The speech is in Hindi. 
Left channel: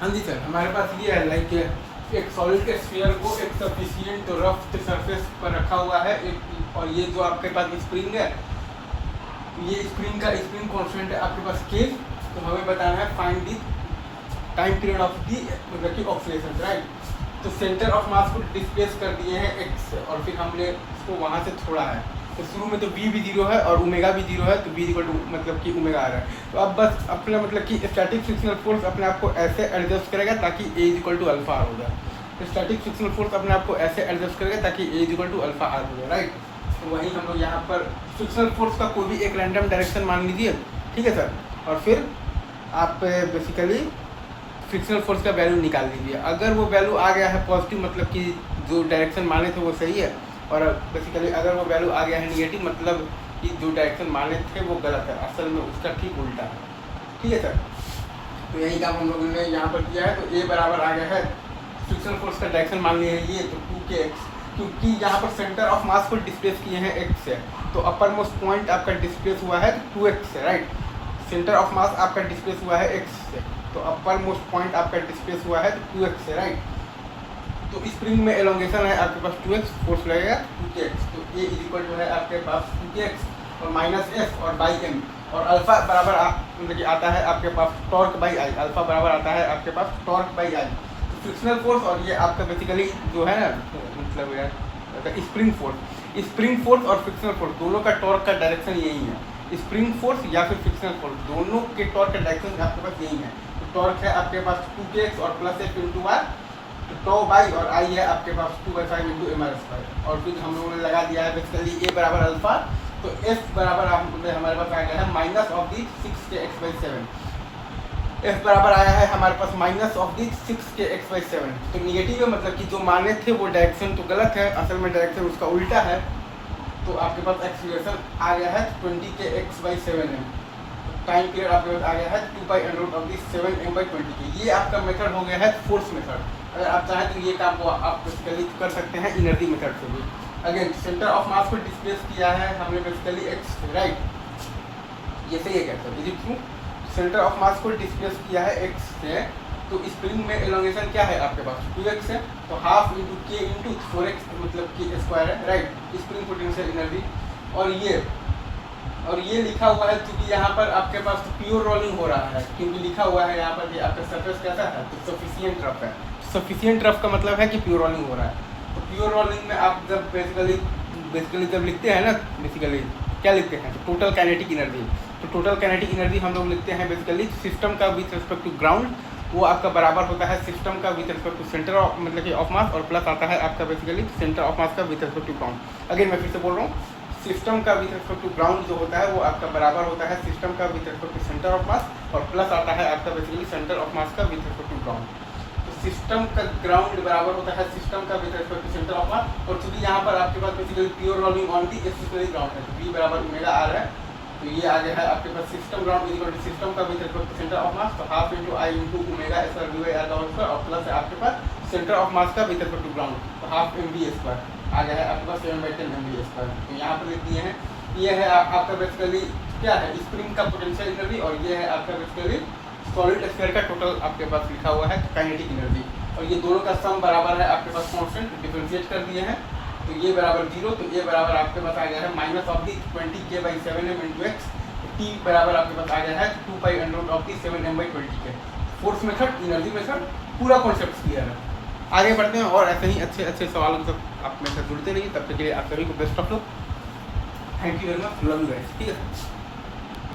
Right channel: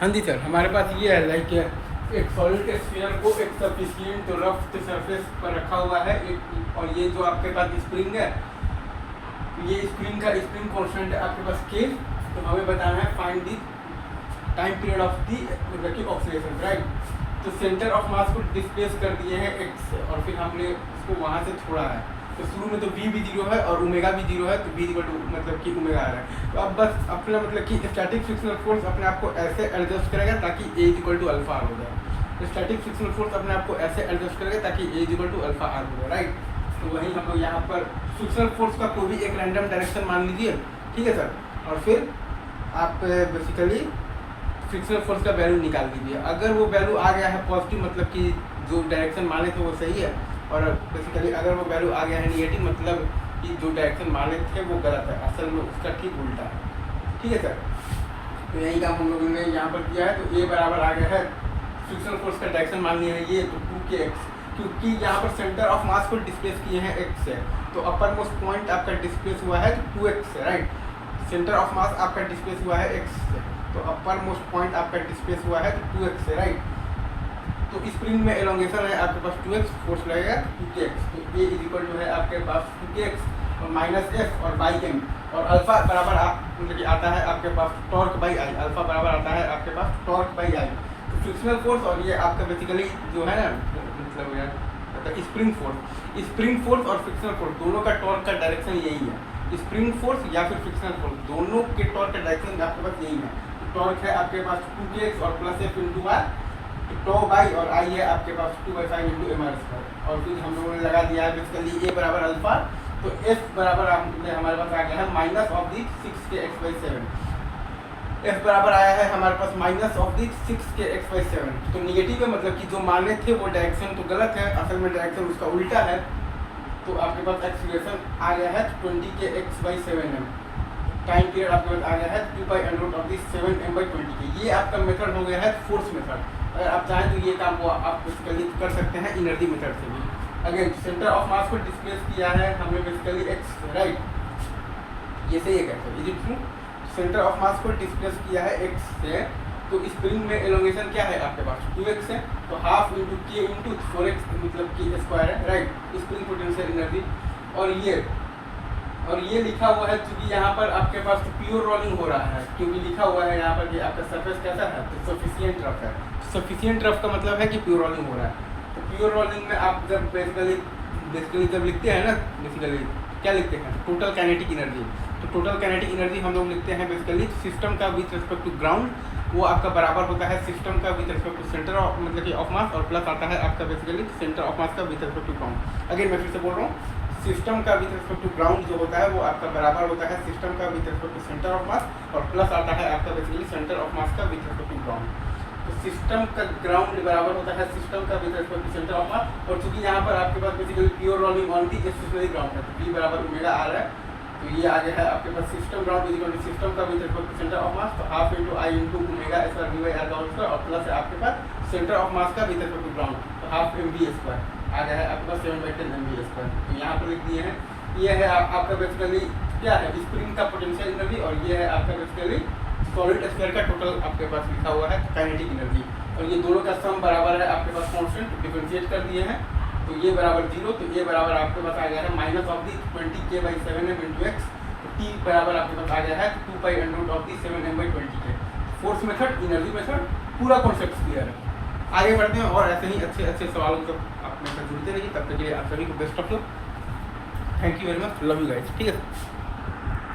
हाँ जी सर, हमारे पास ये है लाइक एक सॉलिड के स्फीयर को एक सफिशिएंट रफ सरफेस पर रखा हुआ है और ये जो आपके पास स्प्रिंग है, ये स्प्रिंग कांस्टेंट है आपके पास के। तो हमें बताना है find the time period of the मतलब की ऑक्सीडेशन, राइट। तो सेंटर ऑफ मास को डिस्प्लेस कर दिए हैं एक्स से और फिर हमने इसको वहाँ से छोड़ा है। तो शुरू में तो v भी 0 है और ओमेगा भी 0 है, तो v इक्वल टू मतलब कि ओमेगा आ रहा है। तो अब बस अपना मतलब कि स्टैटिक फ्रिक्शनल फोर्स अपने आप को ऐसे एडजस्ट करेगा ताकि a equal to alpha R हो जाए। स्टैटिक फ्रिक्शनल फोर्स अपने आप को ऐसे एडजस्ट करेगा ताकि a equal to alpha R हो जाए, राइट। तो वही हम लोग यहाँ पर फ्रिक्शनल फोर्स का कोई भी एक रैंडम डायरेक्शन मान लीजिए, ठीक है सर। और फिर आप बेसिकली फ्रिक्शनल फोर्स का वैल्यू निकाल दीजिए। अगर वो वैल्यू आ गया है पॉजिटिव मतलब कि जो डायरेक्शन माने थे वो सही है, और बेसिकली अगर वो वैल्यू आ गया है निगेटिव मतलब कि जो डायरेक्शन माने थे वो गलत है, असल में उसका ठीक उल्टा है, ठीक है सर। तो यही काम हम लोगों ने यहाँ पर किया है। तो ए बराबर आ गया है फ्रिक्शनल फोर्स का डायरेक्शन मान लिया है ये, तो 2kx, क्योंकि यहाँ पर सेंटर ऑफ मास को डिस्प्लेस किए हैं x से, तो अपर मोस्ट पॉइंट आपका डिस्प्लेस हुआ है 2x से, राइट। सेंटर ऑफ मास आपका डिस्प्लेस हुआ है x से, तो अपर मोस्ट पॉइंट आपका डिस्प्लेस हुआ है 2x से, राइट। तो स्प्रिंग में एलोंगेशन है आपके पास 2x, फोर्स लगेगा 2kx। तो a इज इक्वल टू है आपके पास 2kx और माइनस f और बाई m, और अल्फा बराबर मतलब कि आता है आपके पास टॉर्क बाई आई। अल्फा बराबर आता है आपके पास टॉर्क बाई आई। तो फ्रिक्शनल फोर्स और ये आपका बेसिकली जो है ना मतलब स्प्रिंग फोर्स और फ्रिक्शनल फोर्स दोनों का टॉर्क का डायरेक्शन यही है। स्प्रिंग फोर्स या फिर फ्रिक्शनल फोर्स दोनों के टॉर्क का डायरेक्शन आपके पास यही है। टॉर्क है आपके पास 2kx और plus f into R, two by, और आई है आपके पास 2/5 इंटू एम आर स्क्वायर। और फिर हम लोगों ने लगा दिया है बेसिकली ए बराबर अल्फा, तो एफ बराबर हमारे पास आ गया है minus of the 6kx/7। F बराबर आया है हमारे पास माइनस ऑफ दी 6kx/7। तो निगेटिव है मतलब कि जो माने थे वो डायरेक्शन तो गलत है, असल में डायरेक्शन उसका उल्टा है। तो आपके पास एक्सीलरेशन आ गया है 20kx/7m। टाइम पीरियड आपके पास आ गया है 2π√7m/20k। ये आपका मेथड हो गया है फोर्स मेथड। अगर आप चाहें तो ये काम को आप बेसिकली कर सकते हैं एनर्जी मेथड से भी। अगेन सेंटर ऑफ मास को डिस्प्लेस किया है हमने बेसिकली एक्स, राइट। ये सही है कहते हैं, is it true? Centre of मास को डिस्प्लेस किया है एक्स से, तो स्प्रिंग में एलोंगेशन क्या है आपके पास 2x है, तो हाफ इंटू के इंटू 4x मतलब के स्क्वायर है, राइट। Spring potential energy. और ये लिखा हुआ है क्योंकि यहाँ पर आपके पास तो प्योर रोलिंग हो रहा है, क्योंकि लिखा हुआ है यहाँ पर कि आपका सरफेस कैसा है, तो सफिशिएंट रफ है। सफिशिएंट रफ का मतलब है कि प्योर रोलिंग हो रहा है। तो प्योर रोलिंग में आप जब बेसिकली जब लिखते हैं ना, बेसिकली क्या लिखते हैं, टोटल काइनेटिक एनर्जी। तो टोटल काइनेटिक एनर्जी हम लोग लिखते हैं बेसिकली सिस्टम का विथ रिस्पेक्ट टू ग्राउंड, वो आपका बराबर होता है सिस्टम का with respect to centre of मतलब कि ऑफ मास, और प्लस आता है आपका बेसिकली सेंटर ऑफ मास का with respect to ground. Again मैं फिर से बोल रहा हूँ, सिस्टम का विथ रिस्पेक्ट टू ग्राउंड जो होता है वो आपका बराबर होता है सिस्टम का with respect to centre of mass, और प्लस आता है आपका बेसिकली सेंटर ऑफ मास का विथ रिस्पेक्ट टू ग्राउंड। तो सिस्टम का ग्राउंड बराबर होता है सिस्टम का with respect to centre of mass, और चूंकि यहाँ पर आपके पास basically pure rolling on the stationary ground है, तो v बराबर ओमेगा आ रहा है। तो ये आ गया है आपके पास system ground is equal to system का with respect to centre of mass, तो half into I into omega square v by r का होल स्क्वायर, और प्लस है आपके पास सेंटर ऑफ मास का विथ रिस्पेक्ट टू ग्राउंड, तो हाफ एम वी स्क्वायर आ गया है आपके पास 7/10 mv स्क्वायर। तो यहाँ पर लिख दिए हैं, ये है आपका बेसिकली क्या है स्प्रिंग का पोटेंशियल एनर्जी, और ये है आपका बेसिकली सॉलिड स्फीयर का टोटल आपके पास लिखा हुआ है काइनेटिक एनर्जी। और ये दोनों का सम बराबर है आपके पास कांस्टेंट, डिफरेंशिएट कर दिए हैं। तो ये बराबर 0, तो ये बराबर आपके पास आ गया है minus of the 20k/7m into x. तो टी बराबर आपके पास आ गया है 2π√7m/20k। Force method, energy method, पूरा कॉन्सेप्ट क्लियर है। आगे बढ़ते हैं और ऐसे ही अच्छे अच्छे सवालों को आप मेरे साथ जुड़ते रहिए। तब तक के लिए आप सभी को best of luck. Thank you very much, love you guys, ठीक है।